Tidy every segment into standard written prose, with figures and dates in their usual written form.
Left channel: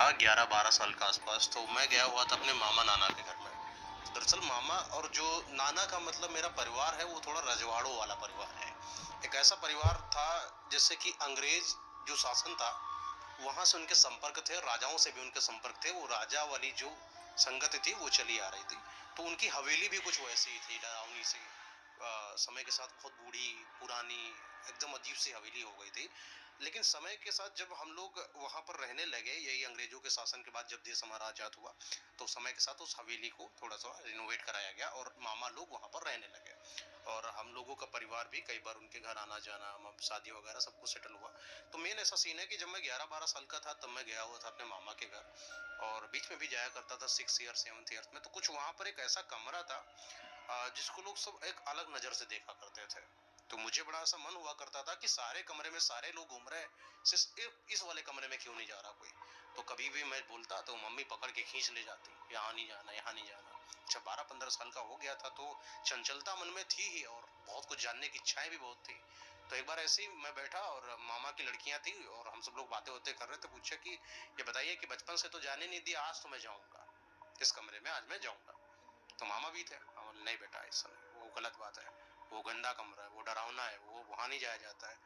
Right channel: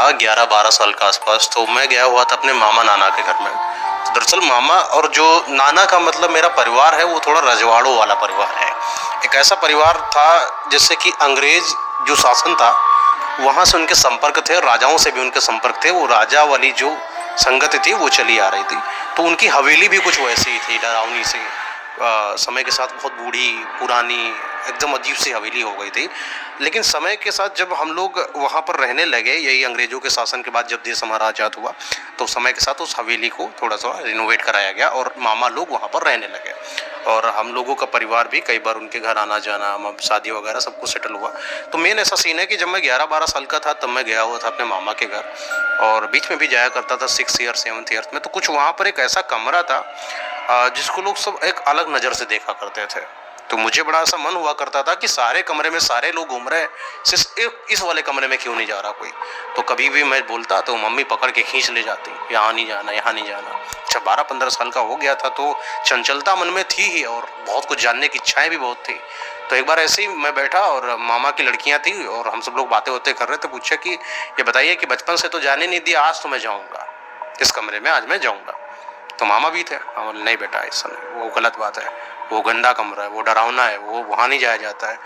हाँ, 11-12 साल के आसपास। तो मैं गया हुआ था अपने मामा नाना के घर में। तो दरअसल मामा और जो नाना का मतलब मेरा परिवार है वो थोड़ा रजवाड़ों वाला परिवार है। एक ऐसा परिवार था जिससे कि अंग्रेज जो शासन था वहाँ से उनके संपर्क थे, राजाओं से भी उनके संपर्क थे। वो राजा वाली जो संगति थी वो चली आ रही थी। तो उनकी हवेली भी कुछ वैसी ही थी, डरावनी सी। समय के साथ बहुत बूढ़ी, पुरानी, एकदम अजीब सी हवेली हो गई थी। लेकिन समय के साथ जब हम लोग वहाँ पर रहने लगे, यही अंग्रेज़ों के शासन के बाद जब देश हमारा आज़ाद हुआ, तो समय के साथ उस हवेली को थोड़ा-सा रिनोवेट कराया गया और मामा लोग वहाँ पर रहने लगे। और हम लोगों का परिवार भी कई बार उनके घर आना-जाना, शादी वगैरह सब कुछ सेटल हुआ। तो मेन ऐसा सीन है कि जब मैं 11-12 साल का था तब मैं गया हुआ था अपने मामा के घर, और बीच में भी जाया करता था 6th ईयर 7th ईयर में। तो कुछ वहाँ पर एक ऐसा कमरा था जिसको लोग सब एक अलग नज़र से देखा करते थे। तो मुझे बड़ा ऐसा मन हुआ करता था कि सारे कमरे में सारे लोग घूम रहे हैं, सिर्फ एक इस वाले कमरे में क्यों नहीं जा रहा कोई। तो कभी भी मैं बोलता तो मम्मी पकड़ के खींच ले जाती, यहाँ नहीं जाना, यहाँ नहीं जाना। अच्छा, 12-15 साल का हो गया था तो चंचलता मन में थी ही, और बहुत कुछ जानने की इच्छाएं भी बहुत थी। तो एक बार ऐसे ही मैं बैठा और मामा की लड़कियां थी और हम सब लोग बातें होते कर रहे थे। पूछा कि ये बताइए कि बचपन से तो जाने नहीं दिया, आज तो मैं जाऊँगा इस कमरे में, आज मैं जाऊँगा। तो मामा भी थे। हम बोले नहीं बेटा, ऐसा नहीं, वो गलत बात है, वो गंदा कमरा है, वो डरावना है, वो वहाँ नहीं जाया जाता है।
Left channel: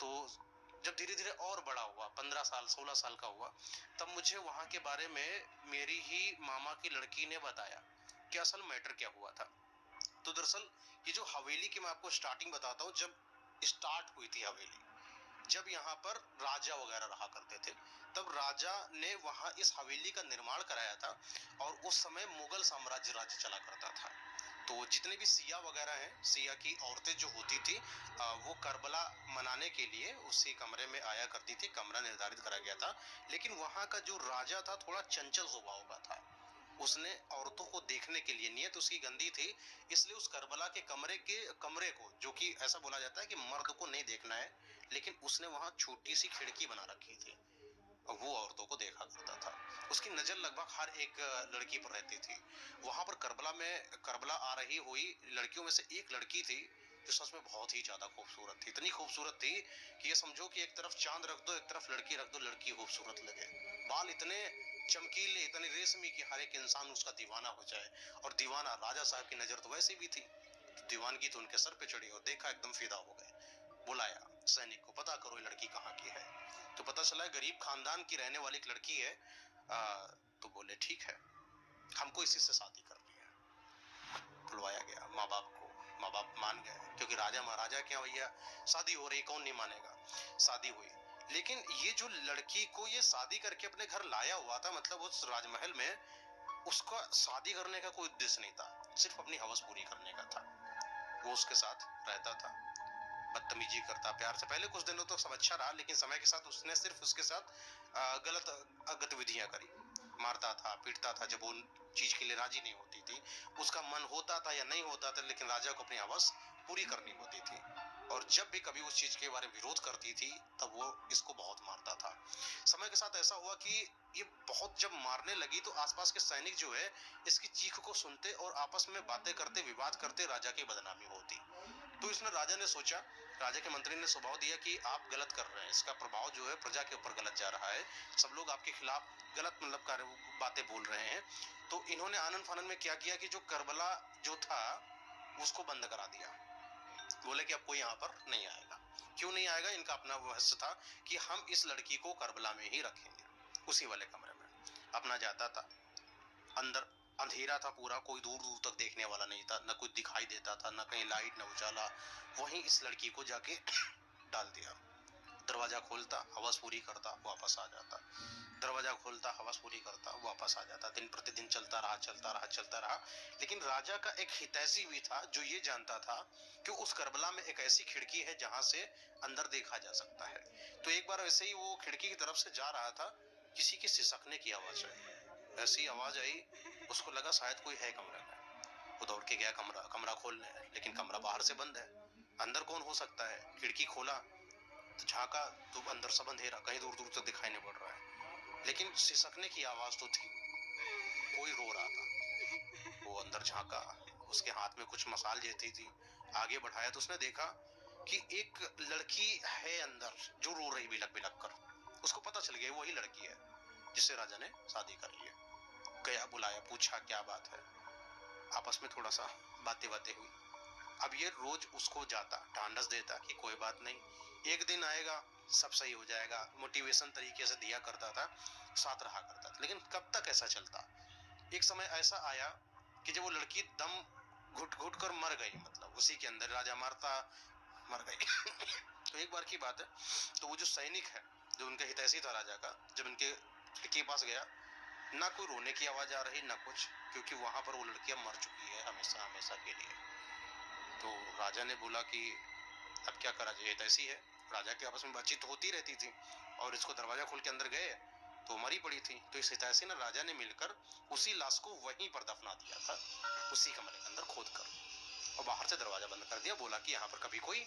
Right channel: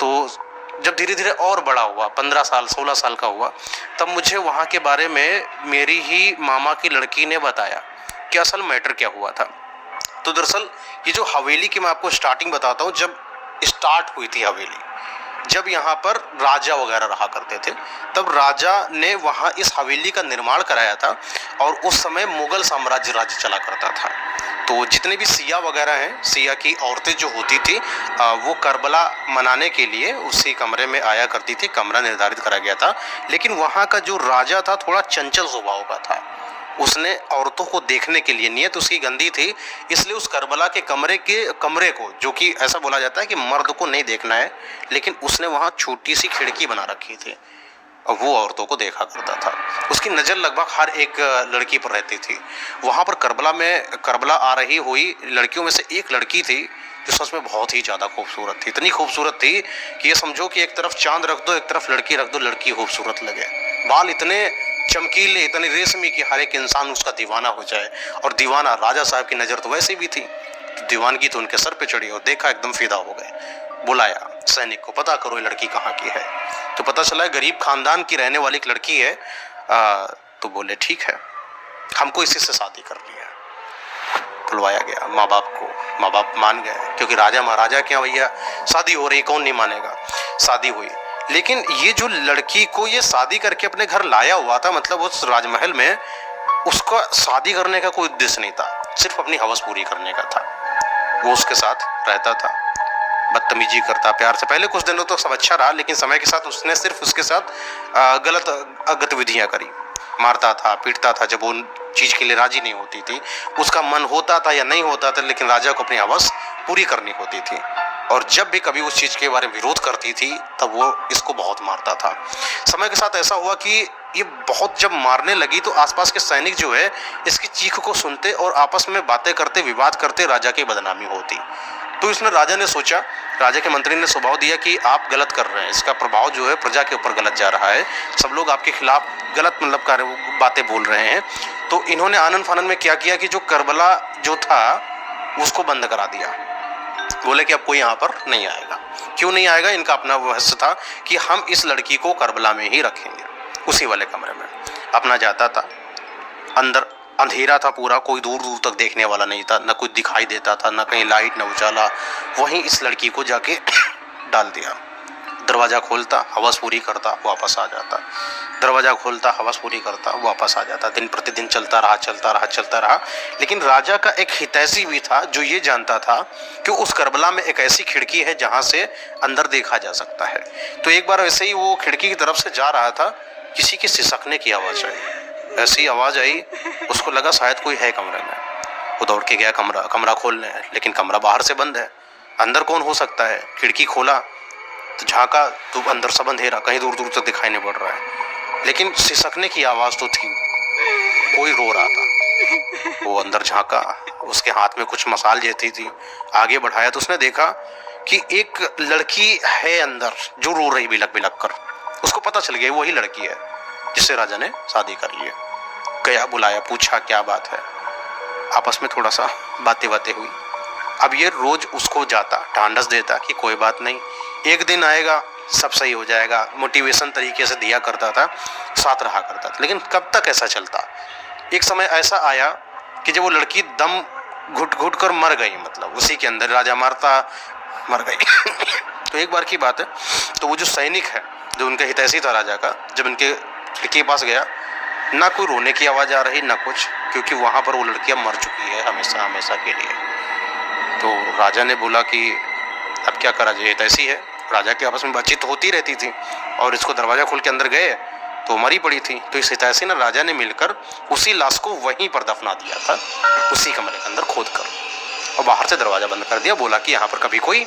तो जब धीरे धीरे और बड़ा हुआ, 15 साल 16 साल का हुआ, तब मुझे वहाँ के बारे में मेरी ही मामा की लड़की ने बताया कि असल मैटर क्या हुआ था। तो दरअसल ये जो हवेली की मैं आपको स्टार्टिंग बताता हूँ, जब स्टार्ट हुई थी हवेली, जब यहाँ पर राजा वगैरह रहा करते थे, तब राजा ने वहाँ इस हवेली का निर्माण कराया था। और उस समय मुगल साम्राज्य राज्य चला करता था। तो जितने भी सिया वगैरह हैं, सिया की औरतें जो होती थी, वो करबला मनाने के लिए उसी कमरे में आया करती थी। कमरा निर्धारित करा गया था। लेकिन वहाँ का जो राजा था थोड़ा चंचल स्वभाव का था। उसने औरतों को देखने के लिए, नीयत उसकी गंदी थी, इसलिए उस करबला के कमरे को, जो कि ऐसा बोला जाता है कि मर्द को नहीं देखना है, लेकिन उसने वहाँ छोटी सी खिड़की बना रखी थी और वो औरतों को देखा करता था। उसकी नज़र लगभग हर एक लड़की पर रहती थी। वहाँ पर करबला आ रही हुई लड़कियों में से एक लड़की थी जो सच में बहुत ही ज़्यादा खूबसूरत थी। इतनी खूबसूरत थी कि ये समझो कि एक तरफ चांद रख दो, एक तरफ लड़की रख दो, लड़की खूबसूरत लगे। बाल इतने चमकीले, इतने रेशमी कि हर एक इंसान उसका दीवाना हो जाए। और दीवाना राजा साहब की नज़र तो वैसे भी थी, तो दीवानगी तो उनके सर पे चढ़ी और देखा, एकदम फिदा हो गए। बुलाया सैनिक को, पता करो ये लड़की कहाँ की है। तो पता चला गरीब खानदान की रहने वाली एक लड़की है। तो बोले ठीक है, हमको इसी से शादी करनी है। बुलवाया गया माँ बाप को, माँ बाप मान गए, क्योंकि राजा महाराजा के यहाँ भैया शादी हो रही, कौन नहीं मानेगा। शादी हुई, लेकिन ये जो लड़की को ये शादी करके अपने घर लाया हुआ था, मतलब उस राजमहल में उसका शादी करने का कोई उद्देश्य नहीं था, सिर्फ अपनी हवस पूरी करने का था। वो उसके साथ रहता था, बदतमीजी करता प्यार से। पहले कुछ दिनों तो सब अच्छा रहा, लेकिन समय के साथ उसने सिर्फ उसके साथ गलत गतिविधियां करी। मारता था, पीटता था जब वो चीज़ के लिए राजी नहीं होती थी। उसका मन होता था या नहीं होता था, लेकिन राजा को अपनी हवस पूरी करनी होती थी। और जब भी कभी उस चीज़ के बारे में विरोध करती थी तब वो इसको बहुत मारता था। समय के साथ ऐसा हुआ कि ये बहुत जब मारने लगी तो आसपास के सैनिक जो है इसकी चीख को सुनते और आपस में बातें करते, विवाद करते, राजा की बदनामी होती। तो इसमें राजा ने सोचा, राजा के मंत्री ने सुझाव दिया कि आप गलत कर रहे हैं, इसका प्रभाव जो है प्रजा के ऊपर गलत जा रहा है, सब लोग आपके खिलाफ गलत मतलब कार्य बातें बोल रहे हैं। तो इन्होंने आनन फानन में क्या किया कि जो करबला जो था उसको बंद करा दिया। बोले कि अब कोई यहाँ पर नहीं आएगा। क्यों नहीं आएगा? इनका अपना रहस्य था कि हम इस लड़की को करबला में ही रखेंगे, उसी वाले कमरे में। अपना जाता था, अंदर अंधेरा था पूरा, कोई दूर दूर तक देखने वाला नहीं था, न कुछ दिखाई देता था, न कहीं लाइट न उजाला। वहीं इस लड़की को जाके डाल दिया। दरवाज़ा खोलता, हवस पूरी करता, वापस आ जाता। दरवाज़ा खोलता, हवस पूरी करता, वापस आ जाता। दिन प्रतिदिन चलता रहा, चलता रहा, चलता रहा। लेकिन राजा का एक हितैषी भी था जो ये जानता था कि उस करबला में एक ऐसी खिड़की है जहाँ से अंदर देखा जा सकता है। तो एक बार वैसे ही वो खिड़की की तरफ से जा रहा था, किसी के सिसकने की आवाज़ आई। ऐसी आवाज़ आई, उसको लगा शायद कोई है कमरे में। वो दौड़ के गया कमरा खोलने, लेकिन कमरा बाहर से बंद है। अंदर कौन हो सकता है? खिड़की खोला तो झांका तो अंदर सब अंधेरा, कहीं दूर दूर तक दिखाई नहीं पड़ रहा है। लेकिन सिसकने की आवाज़ तो थी, कोई रो रहा था। वो अंदर झांका, उसके हाथ में कुछ मसाल जैसी थी। आगे बढ़ाया तो उसने देखा कि एक लड़की है अंदर जो रो रही बिलक बिलक कर। उसको पता चल गया वही लड़की है। जिससे राजा ने शादी कर ली। गया, बुलाया, पूछा क्या बात है, आपस में थोड़ा सा बातें हुई। अब ये रोज उसको जाता, ढांढस देता कि कोई बात नहीं, एक दिन आएगा, सब सही हो जाएगा, मोटिवेशन तरीके से दिया करता था, साथ रहा करता था। लेकिन कब तक ऐसा चलता? एक समय ऐसा आया कि जब वो लड़की दम घुट घुट कर मर गई, मतलब उसी के अंदर राजा मारता मर गई। तो एक बार की बात है, तो वो जो सैनिक है, जो उनका हितैषी था राजा का, जब उनके लड़की के पास गया, ना कोई रोने की आवाज़ आ रही ना कुछ, क्योंकि वहाँ पर वो लड़की अब मर चुकी है हमेशा हमेशा के लिए। तो राजा ने बोला कि अब क्या करा जाए, हितैषी है, राजा के आपस में बातचीत होती रहती थी, और इसको दरवाज़ा खोल के अंदर गए तो मरी पड़ी थी। तो इस हितैषी ने राजा ने मिलकर उसी लाश को वहीं पर दफना दिया था, उसी कमरे के अंदर खोद कर, और बाहर से दरवाज़ा बंद कर दिया। बोला कि यहाँ पर कभी कोई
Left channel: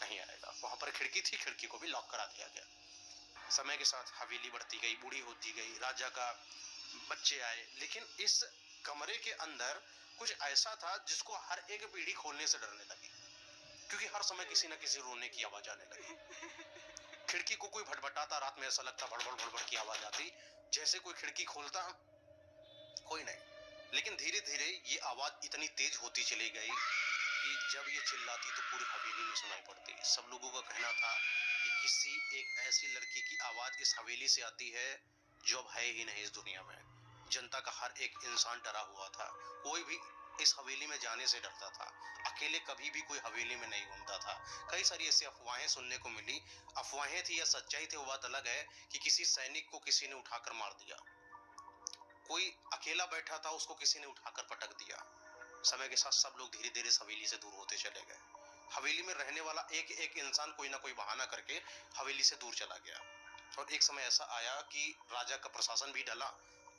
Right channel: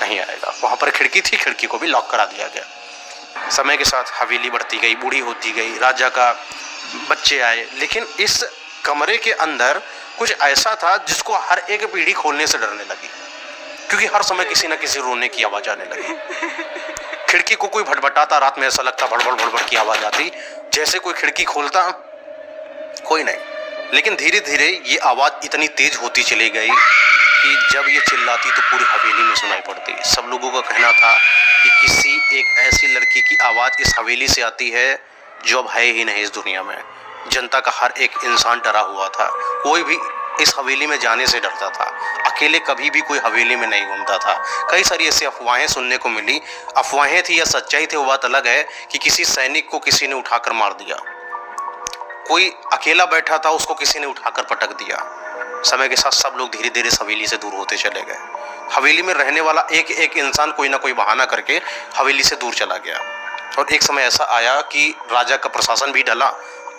नहीं आएगा। वहाँ पर खिड़की थी, खिड़की को भी लॉक करा दिया गया। समय के साथ हवेली बढ़ती गई, बूढ़ी होती गई, राजा का बच्चे आए, लेकिन इस कमरे के अंदर कुछ ऐसा था जिसको हर एक पीढ़ी खोलने से डरने लगी, क्योंकि हर समय किसी न किसी रोने की आवाज़ आने लगी। खिड़की को कोई भटभटाता, रात में ऐसा लगता भड़बड़ भड़बड़ की आवाज़ आती, जैसे कोई खिड़की खोलता, कोई नहीं। लेकिन धीरे धीरे ये आवाज़ इतनी तेज होती चली गई कि जब ये चिल्लाती तो पूरी हवेली में सुनाई पड़ती। सब लोगों का कहना था कि किसी एक ऐसी लड़की की आवाज़ इस हवेली से आती है जो अब है ही नहीं इस दुनिया में। जनता का हर एक इंसान डरा हुआ था, कोई भी इस हवेली में जाने से डरता था, अकेले कभी भी कोई हवेली में नहीं घूमता था। कई सारी ऐसी अफवाहें सुनने को मिली, अफवाहें थी या सच्चाई थी वो बात अलग है, कि किसी सैनिक को किसी ने उठाकर मार दिया, कोई अकेला बैठा था उसको किसी ने उठाकर पटक दिया। समय के साथ सब लोग धीरे धीरे इस हवेली से दूर होते चले गए। हवेली में रहने वाला एक एक इंसान कोई ना कोई बहाना करके हवेली से दूर चला गया। और एक समय ऐसा आया कि राजा का प्रशासन भी डला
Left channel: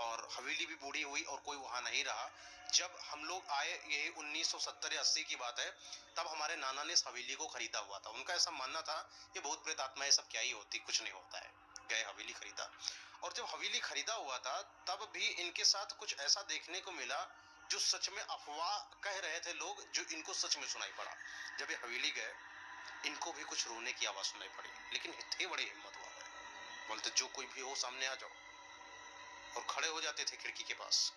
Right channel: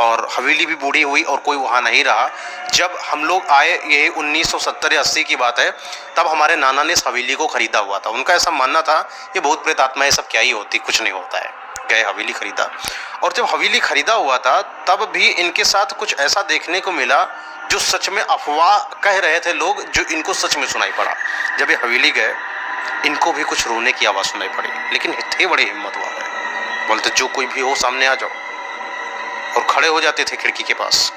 और हवेली भी बूढ़ी हुई और कोई वहाँ नहीं रहा। जब हम लोग आए, ये 1970-80 की बात है, तब हमारे नाना ने इस हवेली को खरीदा हुआ था। उनका ऐसा मानना था ये भूत प्रेत आत्मा ये सब क्या ही होती, कुछ नहीं होता है। गए, हवेली खरीदा, और जब हवेली खरीदा हुआ था तब भी इनके साथ कुछ ऐसा देखने को मिला जो सच में अफवाह कह रहे थे लोग, जो इनको सच में सुनाई पड़ा। जब ये हवेली गए, इनको भी कुछ रोने की आवाज़ सुनाई पड़ी, लेकिन थे बड़े हिम्मत वाले, बोलते जो कोई भी हो सामने आ जाओ, और खड़े हो जाते थे खिड़की के पास,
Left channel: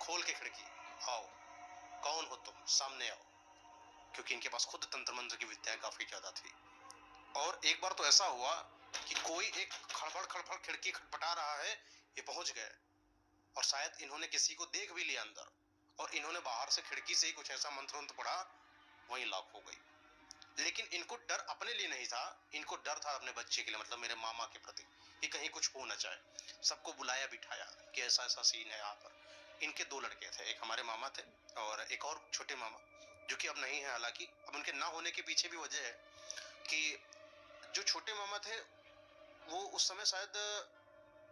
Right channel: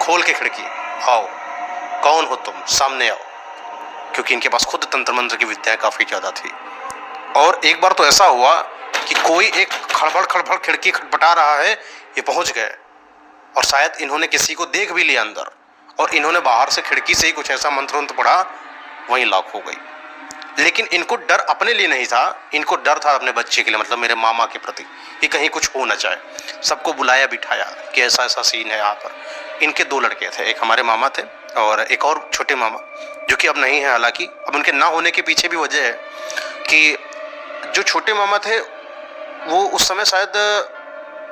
खोल के खिड़की, आओ, कौन हो तुम, सामने आओ, क्योंकि इनके पास खुद तंत्र मंत्र की विद्या काफ़ी ज़्यादा थी। और एक बार तो ऐसा हुआ कि कोई एक खड़बड़ खिड़की खटपटा रहा है, ये पहुंच गए, और शायद इन्होंने किसी को देख भी लिया अंदर, और इन्होंने बाहर से खिड़की से ही कुछ ऐसा मंत्र पढ़ा, वहीं लॉक हो गई। लेकिन इनको डर अपने लिए नहीं था, इनको डर था अपने बच्चे के लिए, मतलब मेरे मामा के प्रति, कि कहीं कुछ हो ना जाए। सबको बुलाया बिठाया कि ऐसा ऐसा सीन है यहाँ पर। इनके 2 लड़के थे, एक हमारे मामा थे और एक और छोटे मामा, जो कि अब नहीं है। हालांकि अब उनके ना होने के पीछे भी वजह है कि जो छोटे मामा थे वो उस समय शायद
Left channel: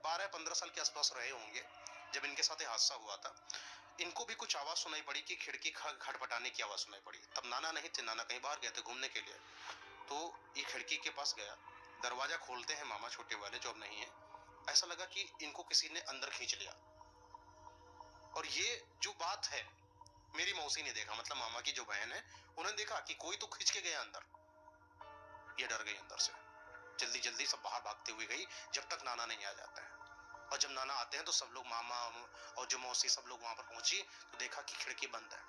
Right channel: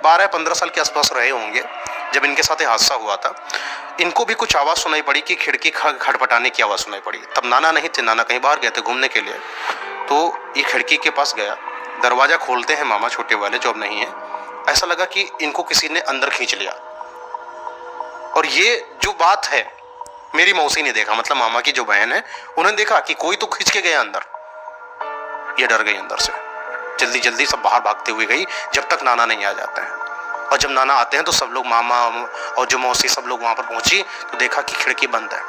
12-15 साल के आसपास रहे होंगे जब इनके साथ ये हादसा हुआ था। इनको भी कुछ आवाज़ सुनाई पड़ी कि खिड़की खटपटाने की आवाज़ सुनाई पड़ी। तब नाना नहीं थे, नाना कहीं बाहर गए थे घूमने के लिए। तो ये खिड़की के पास गया, दरवाज़ा खोलते हैं मामा छोटे वाले जो अब नहीं है। ऐसा लगा कि इनको किसी ने अंदर खींच लिया, और ये जो बात है मेरी मौसी ने देखा, मतलब मामा की जो बहन है, उन्होंने देखा कि कोई तो खींच के गया अंदर। ये डर गई अंदर से, जल्दी जल्दी सब बाहर भागते हुए गई, जब तक नाना नहीं आ जाते हैं। और जब नाना आते हैं तो सब लोग, मामा और जो मौसी, सब लोग वहाँ पर पहुँची तो देखा कि खिड़की बंद है।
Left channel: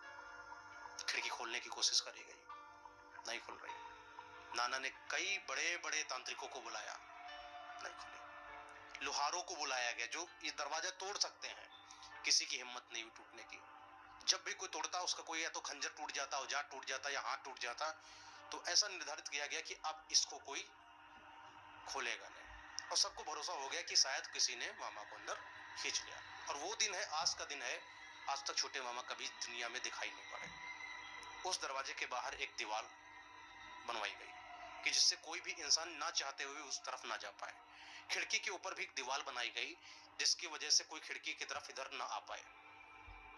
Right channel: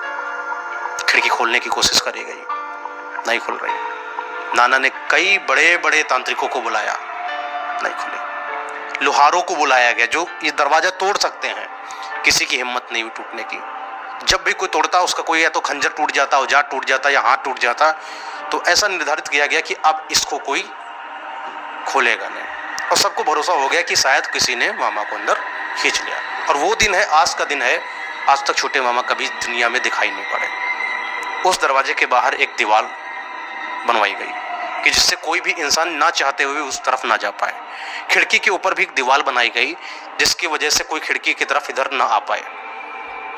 खिड़की खोलने की कोशिश करी गई, नहीं खुल रही। नाना ने कई बड़े बड़े तांत्रिकों को बुलाया, नहीं खुली। लोहारों को बुलाया गया जो ये दरवाज़ा तोड़ सकते हैं, किसी की हिम्मत नहीं हुई टूटने की। जब भी कोई तोड़ता उसका कोई या तो खंजर टूट जाता, औजार टूट जाता या हाथ टूट जाता। तो ऐसा निर्धारित किया गया कि अब इसको कोई खोलेगा नहीं, और सबको भरोसा हो गया कि शायद किसी ने मामा को अंदर खींच लिया। और वो दिन है, आज का दिन है, आज तक छोटे मामा कभी दुनिया में दिखाई नहीं पड़े। उस दरवाजे के बाहर एक दीवार बनवाई गई कि जिससे कोई भी इंसान ना चाहते हुए उस तरफ ना जा पाए। खिड़की के ऊपर भी एक दीवार बनाई गई जिसकी वजह से कोई खिड़की की तरफ इधर ना आ पाए।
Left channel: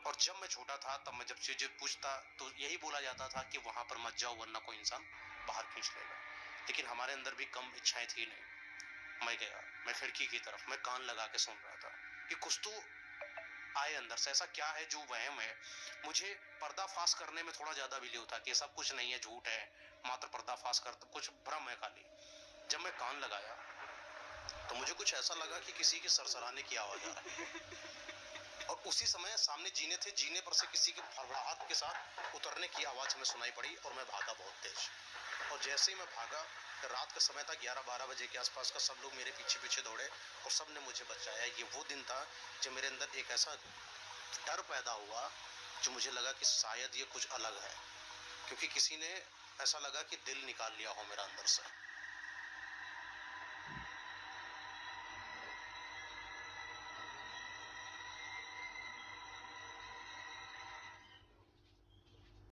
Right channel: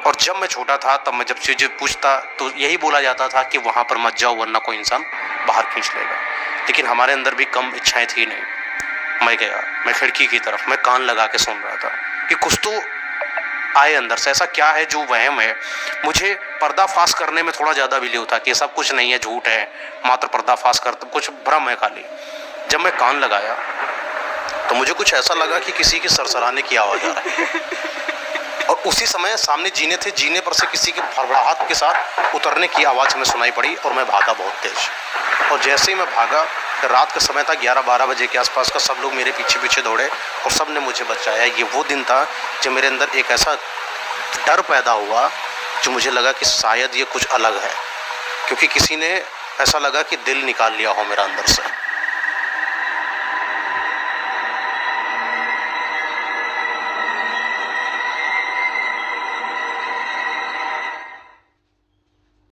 और जब मैं छोटा था तब मैं जब चीज़ें पूछता तो यही बोला जाता था कि वहाँ पर मत जाओ वरना कोई इंसान बाहर खींच लेगा। लेकिन हमारे अंदर भी कम इच्छाएं थी नहीं। मैं गया, मैं खिड़की की तरफ, मैं कान लगा के सुन रहा था कि कुछ तो आए अंदर से। ऐसा क्या है जो वहम है? मुझे पर्दाफाश करने में थोड़ा ज़्यादा बिलीव था कि सब कुछ नहीं है, झूठ है, मात्र पर्दाफाश करते, कुछ भ्रम है खाली। जब मैं कान लगाया तो मुझे कुछ ऐसा लगा कि किसी की सरसराने की आवाज़ आ रही है और उसी समय सामने जीने थे, जीने पर से किसी की भड़बड़ाहट के साथ उतरने की आवाज़ हमें सुनाई पड़ी और मैं भागा बहुत तेज़। और जैसे ही मैं भागा, रात का समय था, 11-12 बजे के आसपास का, सब लोग मेरे पीछे पीछे दौड़े और सब ने मुझे बचाया। ये वो दिन था जब मेरे अंदर एक ऐसा डर पैदा हुआ जो मुझे लगा कि शायद ये कुछ अलग है, क्योंकि किसी ने ऐसा लगा कि दिल निकाल लिया हो मेरा अंदर से।